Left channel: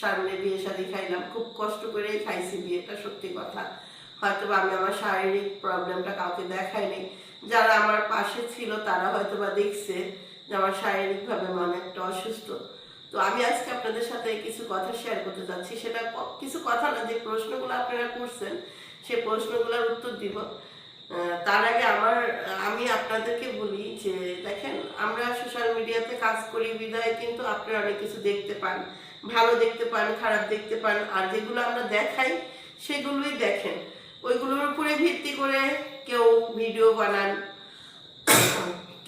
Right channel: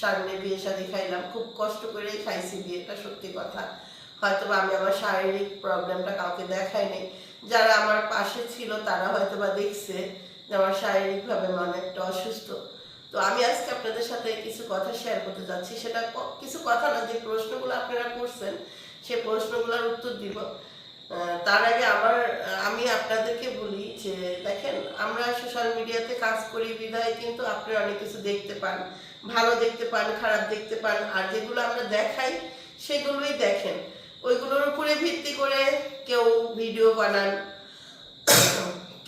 সামনে বিয়ে শাদী খাইলাম, খুব কষ্ট করেই খাইছি বিয়েটা, সত্যি কথা। হয়তো আমি আমার শারীরিক প্রবলেমটা কাউকে দেখাইনি। যারা আমার পাশে ছিল, তারা হয়তো বা দেখছে। আমার শারীরিকভাবে অনেকটা অসুস্থ। তো আমি আজকে আপনাদের সাথে কিছু কথা শেয়ার করতে যাচ্ছি। সেটা কিছু কথা না, যে প্রশ্নগুলো আপনারা করছেন সেই প্রশ্নগুলোর উত্তর দিব। তার আগে আমার, আমি আপনাদেরকে বলি যে, দেখেন, আমরা সোশ্যাল মিডিয়াতে কাজ করি বিধায় কিন্তু আপনারা অনেক কিছু দেখতে পান। ভালো দেখতে পান, খারাপ দেখতে পান, আর যেগুলো আমরা দেখাই, সেগুলোই দেখেন। ওইগুলোর উপরে ভিত্তি করে কেউ ভিডিও বানান,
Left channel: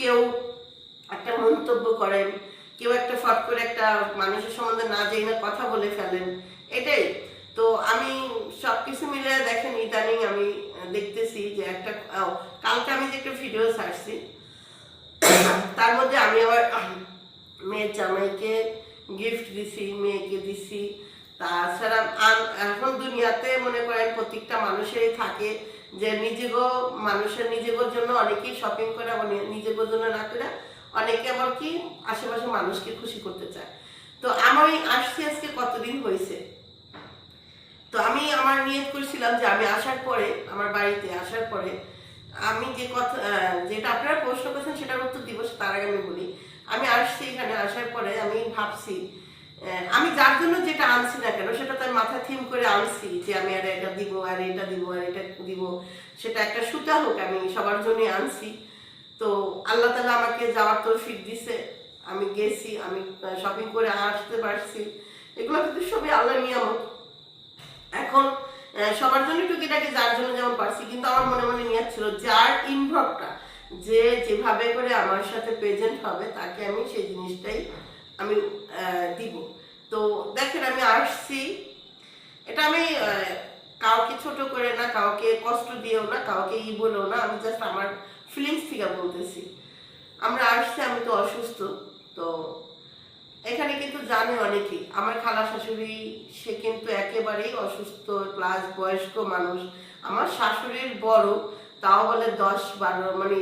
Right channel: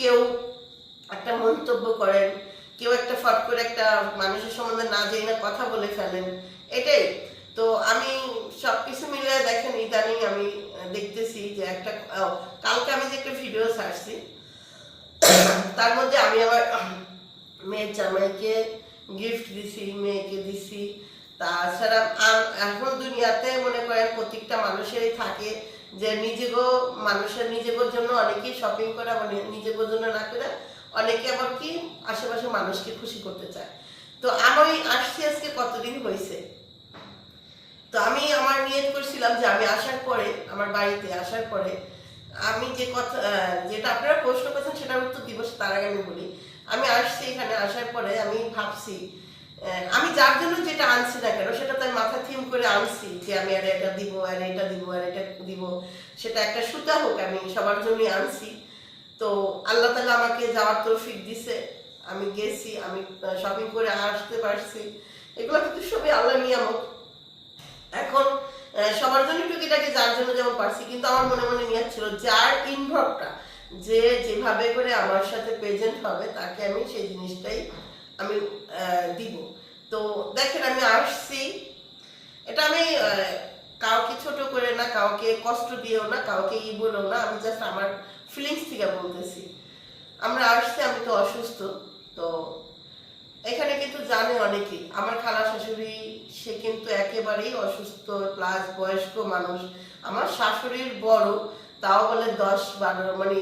কেউ একটা মন্তব্য করেন, কেউ একটা ফট করে একটা মানুষের সম্বন্ধে না জেনে না কথা বলে ফেলেন, এটাই। তো আমি সব কিছু মিলিয়ে দেখেন ইদানিং আমি দেখতেছি যে একটা কালকে আমি যে একটা ভিডিও ছাড়ছি, তার মধ্যে আমি আমার মেয়ের জামাইকে গিফট দিছি, মেয়েকে দিছি। তাছাড়া এখন দুনিয়াতে মনে করেন প্রত্যেকটা মানুষেরই থাকে যে নিজেগো, মানুষের নিজেগোর জন্য অনেকেই শপিং করে নিজেগোর জন্য না করে অনেকে আবার কি আশেপাশে মানুষকে খুশি করতে চায়। তো আমার আমি আসছি আজকে কতদিন হয়েছে তো আমি আমার নিয়ত করছিলাম যে আমি আসার পরে, আমার বাড়িতে আসার পরে আমি যে কথা যেটা আপনারা প্রশ্ন করেছেন সেটার উত্তর দিবস তার আগে আমি বলি। আমি আসছি এখানে আসার পরে আমি ভাবছি আমি যার জন্য যেটা আনছি না কেন, সেটা তো মাথা থিম করে আনছি যে আমি আর এটা দিব, আর এটা দিব, আর এটা দিব। সেটা একটা সুতা হোক, আমি সবার জন্যই আনছি। তো আল্লাহ তালা আমাকে যাওয়ার তৌফিক দিছে। আমি গেছি, আমি শপিং করে আসতে পারছি। এগুলো কিন্তু সবই আল্লাহ নিয়ামত। এখন সবার জন্য টুকিটাকি যার জন্য যেমন পারছি, কিন্তু আমার মনে মনে নিয়ে ছিল যার ইনভলভটা যে যেভাবে করে আমার সাথে প্রেজেন্ট হবে, তাকে আমি সেই জিনিসটাই আমি দিব। তো দেখেন, আমি আসছি। এটা আমি কাউকে ছোট করে না, কাউকে কষ্ট দিয়েও না, কাউকে ই বলেও না, আমি জাস্ট আমার ফিলিংস থেকে বলতেছি। আমরা আসছি, আমি তো অসুস্থ, তো এখানে কিন্তু জানে অনেকেই। আমার খালা শাশুড়ি, সে কিন্তু একেবারেই অসুস্থ প্লাস বয়স্ক মানুষ। আমার শাশুড়ির বড়, তাও বলে দশ বারো মানে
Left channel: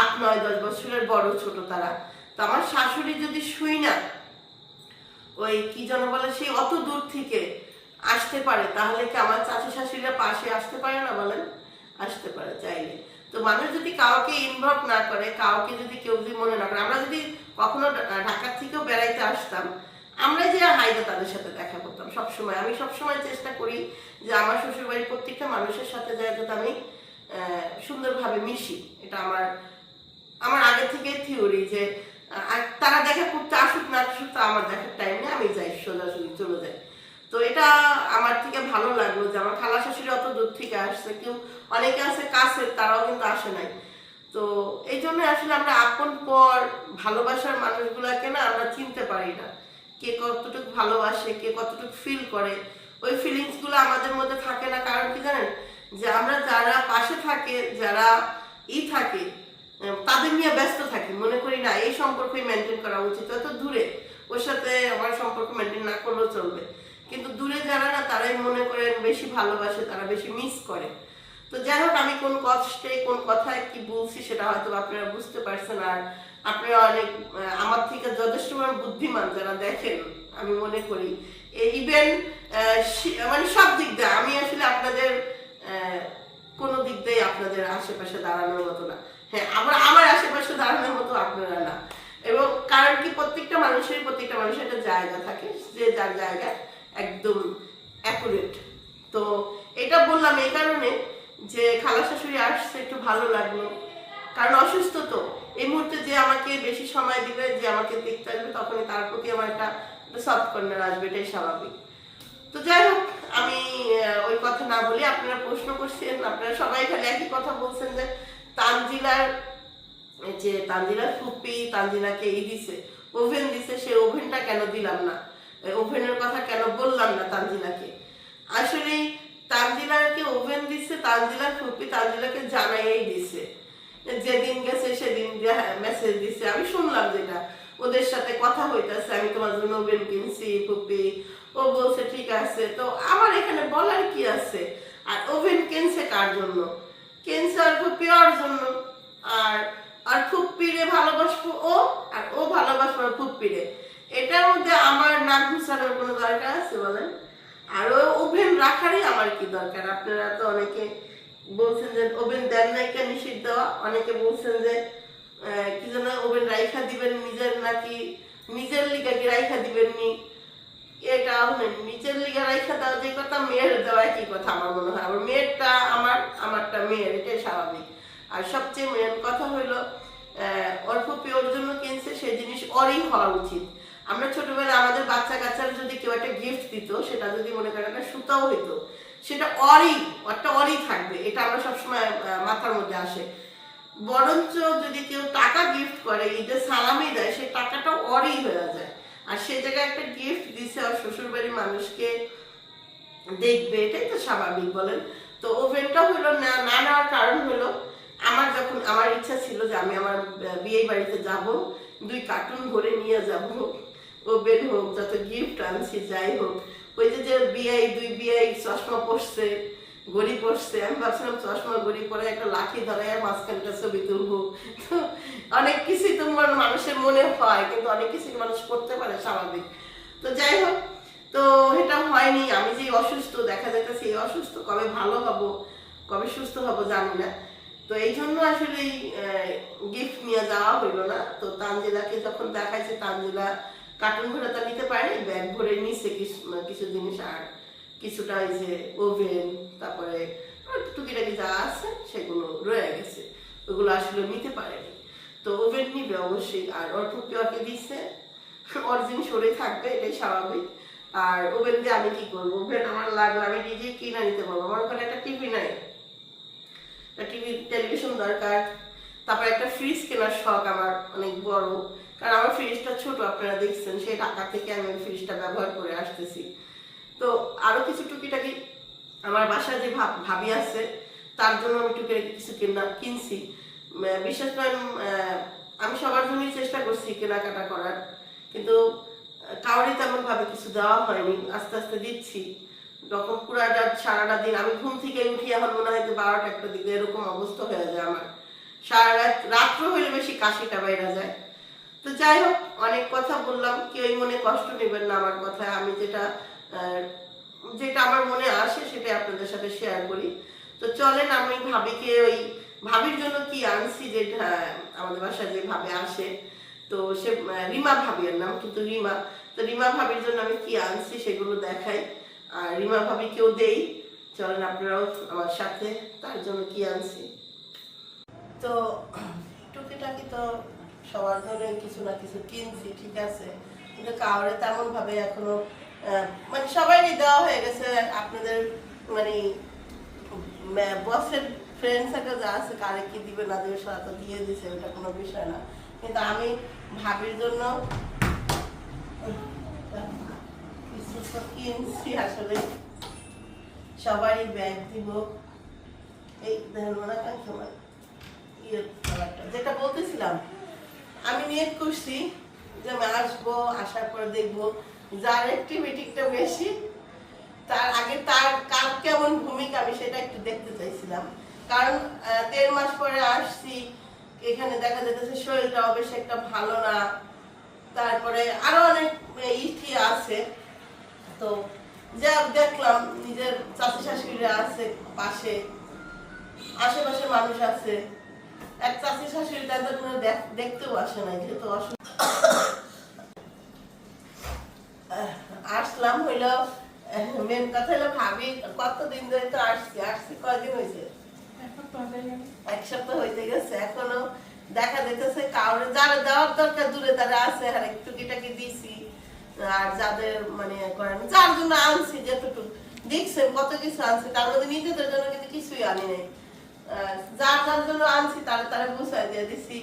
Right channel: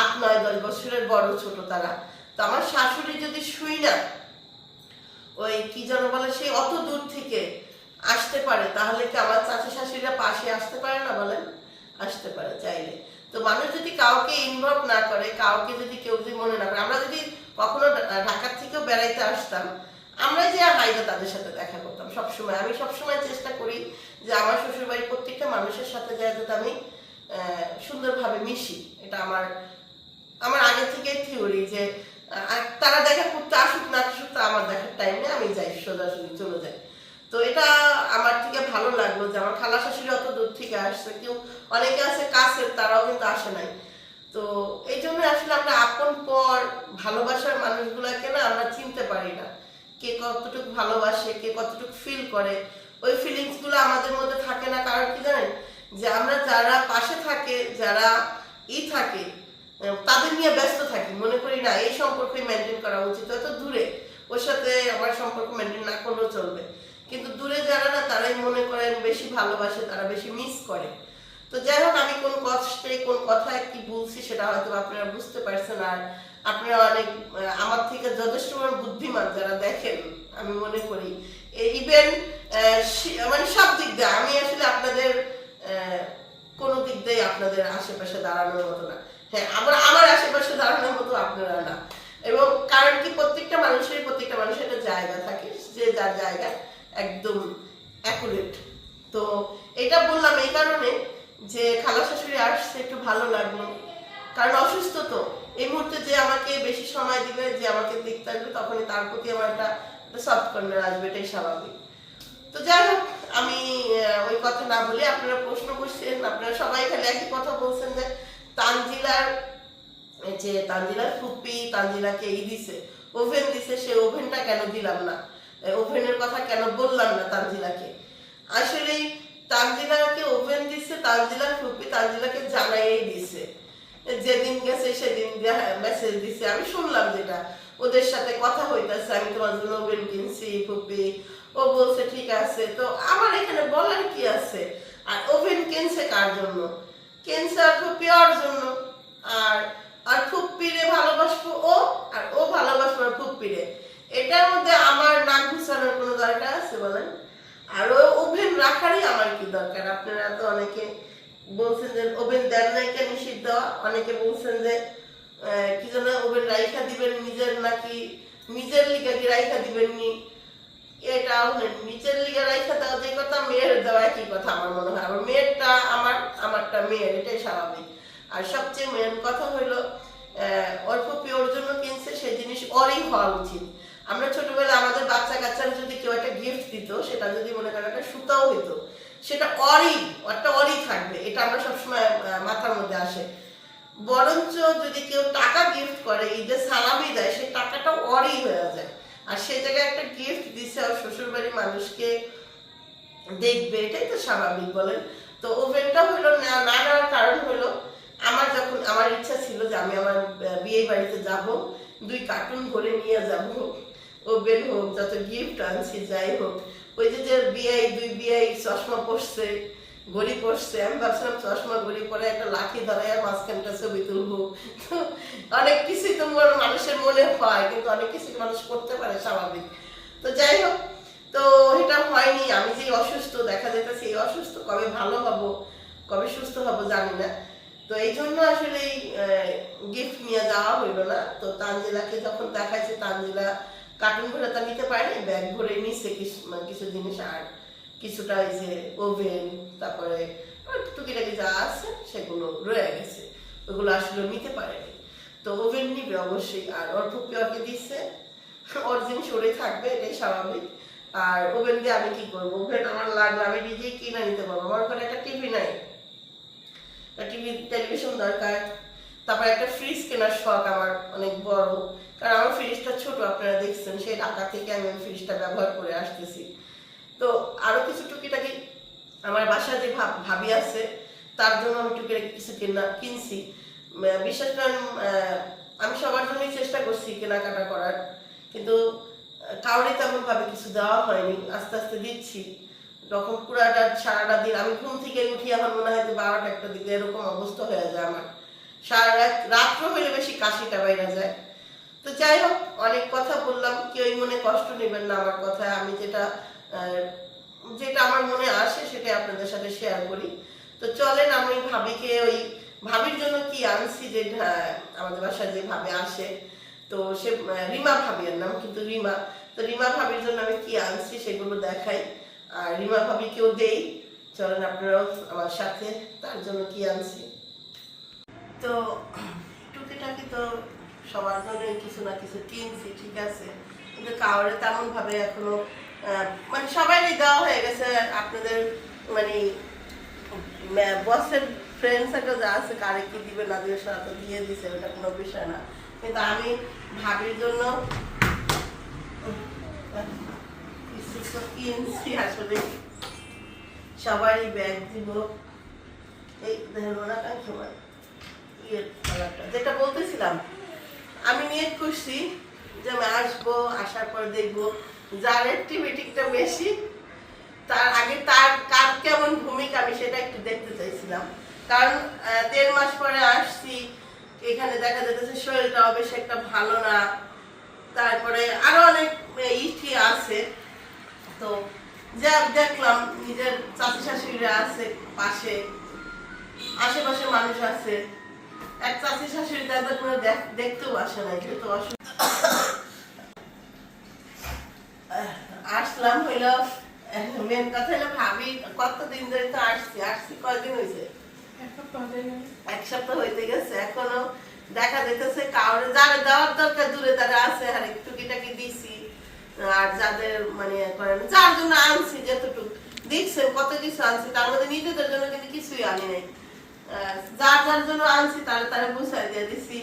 আট, নয়, দশ বছরের বড় ছোট তারা। তো আমার শাশুড়ি যদি শুই না, ওই কি যেন বলে সেই অত দূর থেকে আসতে পারে, তাহলে কি আমার চাচা শাশুড়িরা পাশে আসতে পারে না বলেন? আসতে পারে, চাইলে। তো মানুষ যদি কাউকে ইনভলভ না করে, কাউকে যদি কেউ যদি মনে না করে, আমরা যদি কখনো ঢাকার থেকেও বেড়াইতে আসতাম আমরা যে হাইদা তাদের সাথে দেখা করতাম সবসময়। আমি সবসময় চেষ্টা করি যে আমার শ্বশুরবাড়ির প্রত্যেকটা মানুষের সাথে যাতে আমি সুন্দরভাবে মিশি। এটা আমার আমার আগে থেকে থিওরি যে তারা দেখা করতে আসুক না আসুক, তা আমার দেখার টাইম নেই, আমি যাই, সোজাসুজি চলে যাই। তো এটা আমার থেকে ভালো লাগল যে আমার খালা শাশুড়ি অত দূর থেকে আসছে। কেউ অনেকে আছে কাছের, তারাও কিন্তু আসে নাই। তো এই জন্য আসলে আমরা আপন পর ভালোবাসার মানুষগুলাকে না আমরা চিনতে পারি না। কে কতটুকু ভালোবাসে, কে কতটুকু ফিল করে। ওই ফিলিংসগুলো আমাদের মধ্যে থাকে না। কারণ কি জানেন? যে আমরা যারা পাশে থাকে, যারা ই থাকে তাদের নিয়ে ব্যস্ত থাকি। মনে করি না, এই সম্পর্কই মেনটেন করা উচিত। এত দূরে, ওর সাথে আমার সম্পর্ক মেনটেন না করলেও চলবে। কিন্তু দূরে যারা না, তারাই মনে করেন বেশি ভালোবাসে, তারা বেশি মিস করে। তো যাই হোক, আমি কোন কষ্টে, কোন কথায় কি বলছি সেটা হয়তো আপনারা বুঝতে পারছেন, আর আপনারা অনেক আমার থেকে যথেষ্ট বুদ্ধিমান যারা দেখেন, আমি মনে করি। ইভেন মানে সব দিক দিয়ে, আমি আসলে আপনাদের কোনো দিক দিয়ে আপনাদের আশেপাশে দাঁড়ানোর মতো না। হ্যাঁ আবার আমার আশেপাশে দাঁড়ানোর মতো আপনারা না। এবং কারণ কি, প্রত্যেকটা মানুষের প্রত্যেকটা মানুষের একটা জায়গা থাকে, যে যার জায়গায়। একদম অ্যাকুরেট তো এটা বললাম এই কারণে যে খালা শাশুড়ি আসছে, একটু ভালো লাগল। কারণ অসুস্থ তো। এই মুহূর্তে যে আমাকে বেশি সময় দিবে, যে আমাকে দেখতে আসবে তখন তার প্রতি আমার একটা সফট কর্নার আসবে, এটাই স্বাভাবিক। তো যাই হোক, আমি ওই কথা না বলে আপনারা প্রশ্ন করছেন, আপনারা সবাই খালি একই কথা বলছেন যে তানজিলার যে তানজিলার ফুপি, তানজিলাকে এই দিছে, ওভেন দিছে, সে ওভেনটা কেন দিলাম না? ওভেনের কথা কেন বললাম না তানজিলাকে? আসলে তানজিলাকে ওভেন দিছে, তানজিলার ফুপি তানজিলাকে জানাই দিছে। যেদিন গেছে সেদিন মেসেজ দিছে। আমি শুনলাম যেটা। ওদের সাথে কথা হইতেছে, আমি তোমার জন্য ওভেন কিনছি, ফুপি। ও বলছে, ঠিক আছে। তো আমার এখানে বলার কি আছে? আর ওভেন কিনছে কার জন্য? কিনছে আর ফুপি ওর জন্য। আর আর ফুপ্পিরে ভালোবাসবো ও, আর ও ভালোবাসবো ফুপ্পিরে এটার মধ্যে আমার নাক ঘুষানোর কোনো দরকার আছে বলেন? আর ওই ওভেন রাখারই আমার কি দরকার? আপনারা তো অনেকে বলছেন যে ওভেন দেন নাই কেন নিষিদ্ধ? অনেকে বলছেন যে কি যেন ওভেন রাইখা দিবেন নিজের নাকি নিজের লিগা কি রাইখা দিবেন নি এটা নিচের লিগা রাইখা দেওয়া যে কথা, মেয়ের দেওয়া একই কথা আমার মনে হয়। আমার মেয়েরটা আমার, আমারটা মেয়ের, এটাই স্বাভাবিক। আর সবচেয়ে মেন কথা হইল অল্প ওর জন্য কিনছে, সেই জিনিস অরই হওয়া উচিত। আমরা ছোটবেলায় আমাদের বাচ্চা কাচ্চারা যদি কেউ একটা গিফট দিত, সেটা যদি মনে করেন একটা সুতাও হইতো, সেটা অরই একটা অরই থাকবে, এটা আমরা সবসময় মাথার মধ্যে আসে। বরঞ্চ যদি কেউ টাকা গিফট করে ঈদের সালামি দেয় সেই টাকাটা অরই হয়ে যায়। আর সেই জায়গায় একটা গিফট দিছে ওর শ্বশুর বাড়ির মানুষকে, দেখবে, এটাই তো স্বাভাবিক, বলেন? তো ওভেনটা হলো না না নেওয়ার কারণ হলো আমার যখন, আমার ইচ্ছা ছিল যে আমি আমার বিয়ে বাড়িতে যাব, দুই কার্টুন ভরে নিয়ে যাব। ওভেন হোক, যত গিফট আনছি, যাই হোক। ওই যে যে বিয়ে দুই বিয়ে চশমা পরছে গড়ি পড়ছে আমি ভাবছিলাম চশমা গড়ি পরে একটা লাঠি ধরে আর মাঝখানটা ছবি তুলবো। তো অনেক কিছুই তো মানুষের মনে হয়, কিন্তু অনেক কিছু মানুষ করতে পারে স্বাভাবিক। তো যাই হোক, তো এটা হয়নি, আমি যে অসুস্থ, দেখা যাইতেছে এই অসুস্থ কবে ভালো হব, কবে সুস্থ হব জানি না। তো এই জন্য আসলে গিফট নিয়ে যাওয়া হইল না। তো তানজিলাকে যখন দেখাইছে, তানজিলা কার্টুন ভরে তা নিতে পারেনি ব্যাগ ভরে নিচ্ছে কিছু মানে কিছু জিনিস আর কিছুটা এই যে ওভেন তারপরে টুকিটাকি যা আছে সেগুলো রয়ে গেছে, ওগুলো আসলে নিতে পারেনি। তো ওভেন নিবে অবশ্যই, আর ওর টুকি ওকে দিচ্ছে ওর জিনিস ওরে থাকবে, এটাই স্বাভাবিক। আর ওভেন দিয়ে আমি কি করব? ওভেন আমার লাগবে আমি নিজেই কিনে নিতে পারব, আমার ওখানে একটা টিভি নাই। টিভি টেলিভিশন দরকার, তারপর একটা ফ্রিজ কেনার শখ আমার অনেক বড়। কারণ আমার ফ্রিজটা ছোট আপনারা দেখছেন সেই টাকা থেকে আমি ফ্রিজটা ব্যবহার করে আসতেছি। তো আরও কিছু টুকিটাকি আমার বাসায় যে ভাব- ভাবি আছে তার জন্য আমি টুকিটাকি কিছু কেনা কিনছি। বিশেষ করে আমি সবার জন্যই চেষ্টা করছি কেনাকাটা করার কিন্তু আহ, তেমনভাবে কিছু দেওয়া হয়নি। আস্তে আস্তে দিচ্ছি। যখন পুরাটা সারাটা দিন আমি ঘুম থেকে উঠি এখন মনে হয় যে বারোটা একটা দিকে এরকম অবস্থা হয়ে যায় আমার। সারা রাত রাত্র হইলে বেশি কাশিটা বাইরে যায়। তো যাই হোক, অনেক কথা বললাম, কেউই মনে কষ্ট নেবেন না আমার কথা। আমি যেটা যেটা আমার মনে আসে সেটাই আপনাদের সাথে শেয়ার করি। তো চলেন, আমি ভাবিকে ওই, ভাবির জন্য কি আনছি যে আমাদের বাসায় যে ভাবে আসে। তো সে রিমা ভাবির নাম, কিন্তু রিমা। তো রিমা ভাবির জন্য আমি কি আনছি সেগুলো দেখাই। আর রিমা ভাবিকেও দেই। চলেন, আপনারাও আমার সাথে তার জন্য কি আনছি। তো, টুকিটাকি তো সবার জন্য কিছু না কিছু কিনছি, ঠিক আছে? কিন্তু কাউরে তেমন ভাবে এখনও মানে সবাই দেওয়া হয়ে গেছে। আপনাদের মানে বসের ফ্রেন্ড সার্কেল যা আছে, কারে কি দিবে না দিবে সেটা তো দিয়ে দিছে, ওটা কোনো বিষয় না। কিন্তু আমি ভাবির জন্য কিনছি আসলে। সবারই ব্যাগ দিব। এই ইয়ের কালারটা যেটা বলতেছিলাম আমি নিয়ে করছি যে আমি আসব, আসার পর দেখব যার অ্যাক্টিভিটিটা বেশি। তার আগে তার কার কেমন ভূমিকা আমি সেটা একটু দেখতে চাইছিলাম। কারণ দেড় মাস পরে আসছি, এখানে দেখা যাচ্ছে শরীরটাও বেশ একটা ভালো না। তারপরে আরও অনেক ইটি আছে। তো যা দেখলাম নিজের চাচি শাশুড়িরা আছে পাশে, আশেপাশে মানুষ আছে। দেখা যেতেছে কাউরে, যারা যাওয়ার দরকার দূরে তারা আছে, আর একটু টুকিটাকি দিছি, আর যাদের মানে করেন যার জন্য আনছি যেতটুকু। দেখছে কত কিছু আনছি, তার মধ্যে নিজেদের জন্য কিন্তু কিছুই আনি নাই। যার যার জন্য আনছি তারা তারা গুছাই দিয়ে দিছি।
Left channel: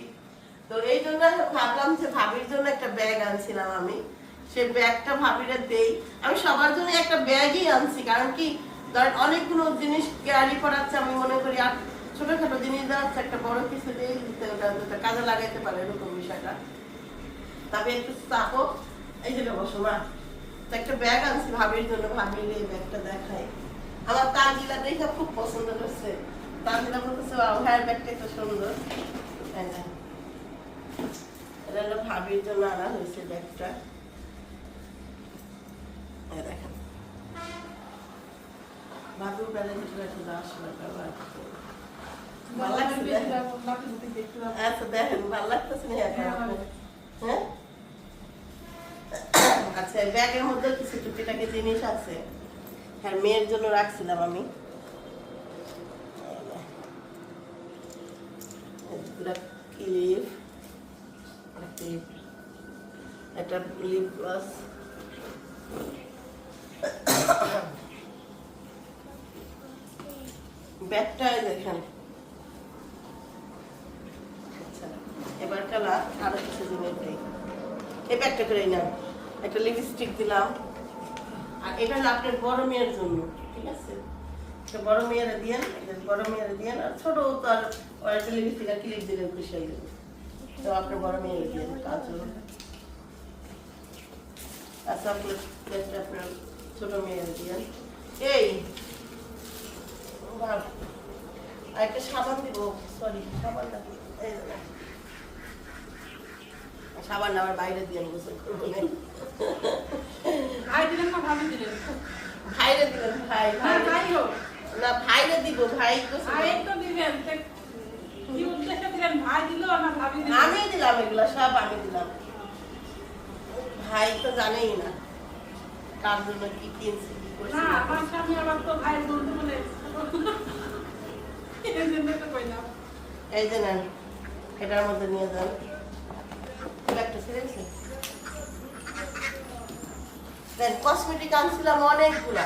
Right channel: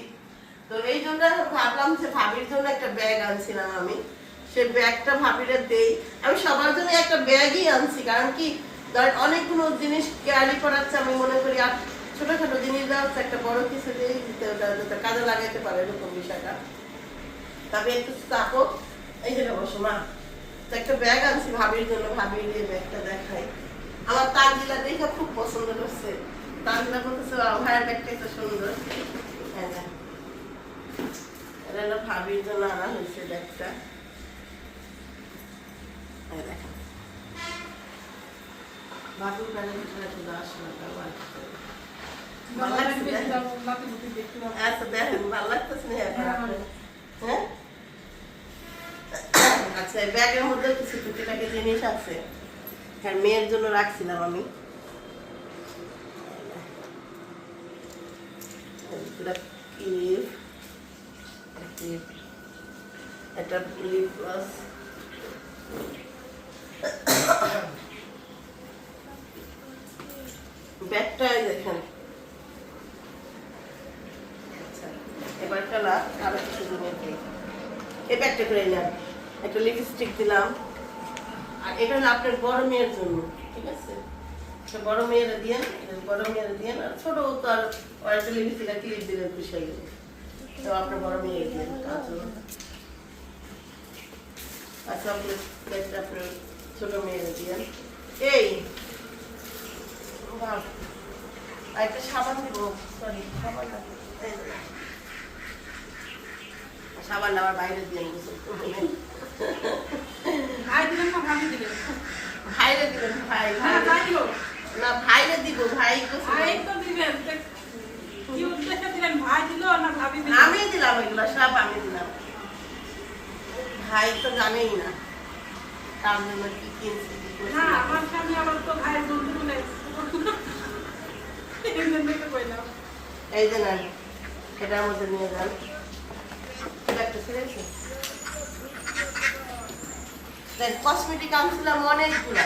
তো এই জন্য ভাবলাম যে ভাবির জন্য একটা ব্যাগ আনছিলাম আমি। সেই ব্যাগটা ভাবিরে দেই। আমি সবার জন্য একটা ব্যাগই আনছি, কারণ কি ধরেন অনেকগুলো জিনিস ক্যারি করাচ্ছে আমি মনে করি, আর ছোটখাটো জিনিস দেওয়া হচ্ছে একটা বড় কিছু দিয়ে দিতে ওটা কাজে লাগাইতে পারে, এরকম বিষয়টা। তবে একটু চাপো। এই যে বসো মা একটা ব্যাগ আনছি ভাবির জন্য, ভাবির এই ব্যাগটা দেখাই। আমার তানজিলা দেখে খুব পছন্দ করছে তানজিলা বলতেছে ভাইয়ের ব্যাগটা সুন্দর। এটা হলো ভাবির জন্য আনা হয়েছে ব্যাগটা। এই ভাবির ব্যাগের ভিতরে চলে আসলে ভালো লাগছে আচ্ছা লাগতেছে হ্যাঁ, হ্যাঁ? আচ্ছা ব্যাগের মধ্যে কিছু টুকিটাকি জিনিস আছে। আর মেয়ের জন্য রাখছিলাম আমি। একটা দেখেন আচ্ছা এবার আরও কিছু এই ব্যাগটা করে নেন একটা লিপস্টিক দিলাম। আর আপনার মেয়ের জন্য, ঠিক আছে? বড় মেয়েরা দিয়েন বড় মেয়েরা দিয়েন আর ছোট তো আর আর ক্লিপ দিলেন খুশি হয়ে গেল তো আপনার বড় মেয়ে দিয়েন কাজল আচ্ছা আপনার আপনার ছোট মেয়েরা দিয়েন। এই একটা সাবান দিব সরি সাবান না। সাবান আমার বাইরে দিয়ে গোসল করব ভাইরে দিলেন ভাই ভাই। না ভাইরে দিব ভাই গোসল আমি দিলাম এগুলো সব আমি দিলাম। ভাই তো জানেই না তার জন্য কি কিনছি কি করছি। না করছি। এই যে না এটার মধ্যে নিয়ে যান। এটা একটা দেখ কসমেটিক আনছিলাম অনেকগুলা।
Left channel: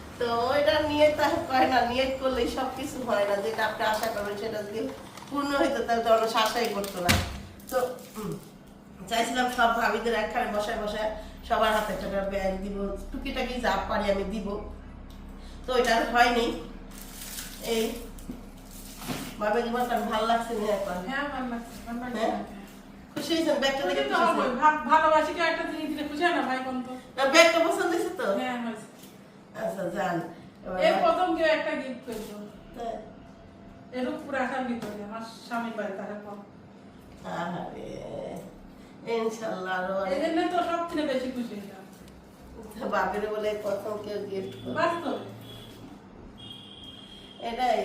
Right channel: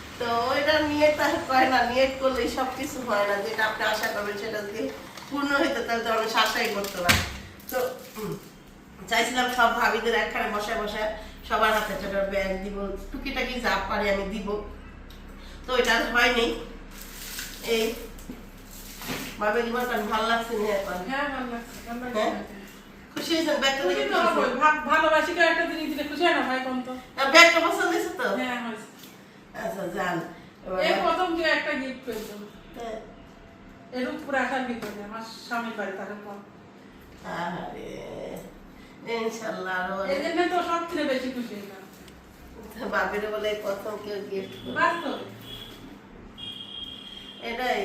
তো ওইটা নিয়ে তার করে না নিয়ে করলে সব কিছু হয় না। যেটা আপনি আশা করবেন সেটা যদি পূর্ণ হইতো তাহলে তো অনেক আশাই করতো না। তো চাইছিলাম সব ভাবিদের একখানে বসায় বসায় সবার হাতে একটা ব্যাগ দিব টুকিটাকি যা পারি আমি দিব। তো এটা হয়নি। এই ভাবে জীবন ভালো লাগছে না এখন? ব্যাগটা দেখে খুশি হয়েছেন? ভালোবাসি কেউ একটা জিনিস দিলে খুশি হয় না ভাই কম তো? ব্যাগটা পছন্দ হয়েছে তো? হ্যাঁ হয়েছে। আচ্ছা যান এই প্রথম কেউ একটা গিফট আসার আমার স্বামীর বাড়ি পর। আরে, এই জন্যই তো সব থেকে বেশি খুশি বাপের বলে কত কেউ গিফট করে এটাই।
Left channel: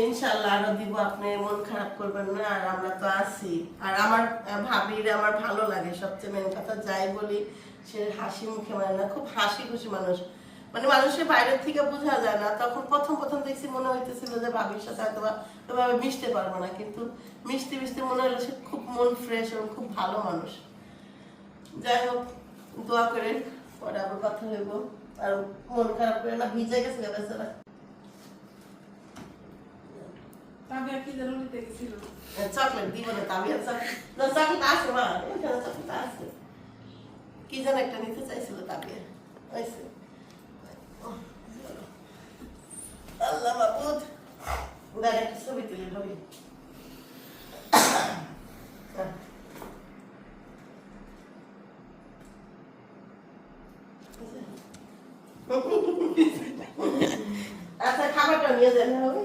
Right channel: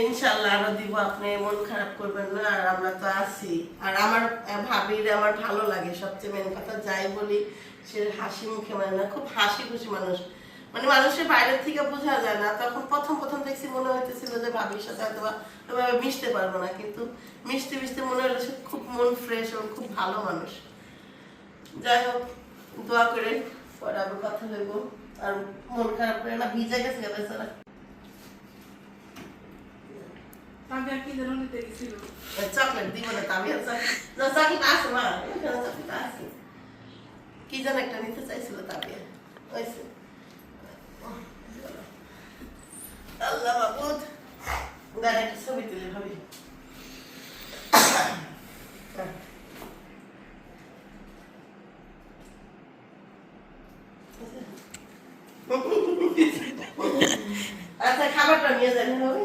ইনশাল্লাহ আরও দিব আপনি মন খারাপ করবেন না আর আমরা তো আছি। আর আমার ভাবির আমার ভালো লাগে সবচেয়ে মেন কথা যাই বলি সে হাসি মুখে মানে না খুব হাসি খুশি মানুষ। মানে মানুষের বাইরের থেকে বোঝা যায় না তখন প্রথম প্রথম দেখছি মনে হইতেছিল যে ভাবির সাথে হয়তো বা ওইভাবে মিশতে পারব না কিন্তু মিশতে মিশতে মনে হলো সে খুব মন ফ্রেশ এবং খুব ভালো মানুষ। যাই হোক দোয়া করে পরে আবার কথা হইব। আর মন খারাপ করে না ভিজে গেছে বেচারা। কি যেন চকলেট দিব না আমি চকলেট। না চকলেট মা এখানে চকলেট আছে। কি যেন একটা নিতে চাইছিল ওইসে আল্লাহ একটা ছবি তুলি ভাবি। আচ্ছা খাবারটা নিয়ে যান হবে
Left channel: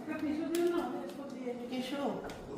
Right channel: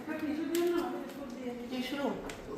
একটা টিস্যু দিও না এরপর দিয়ে দিই। টিস্যু দাঁড়ান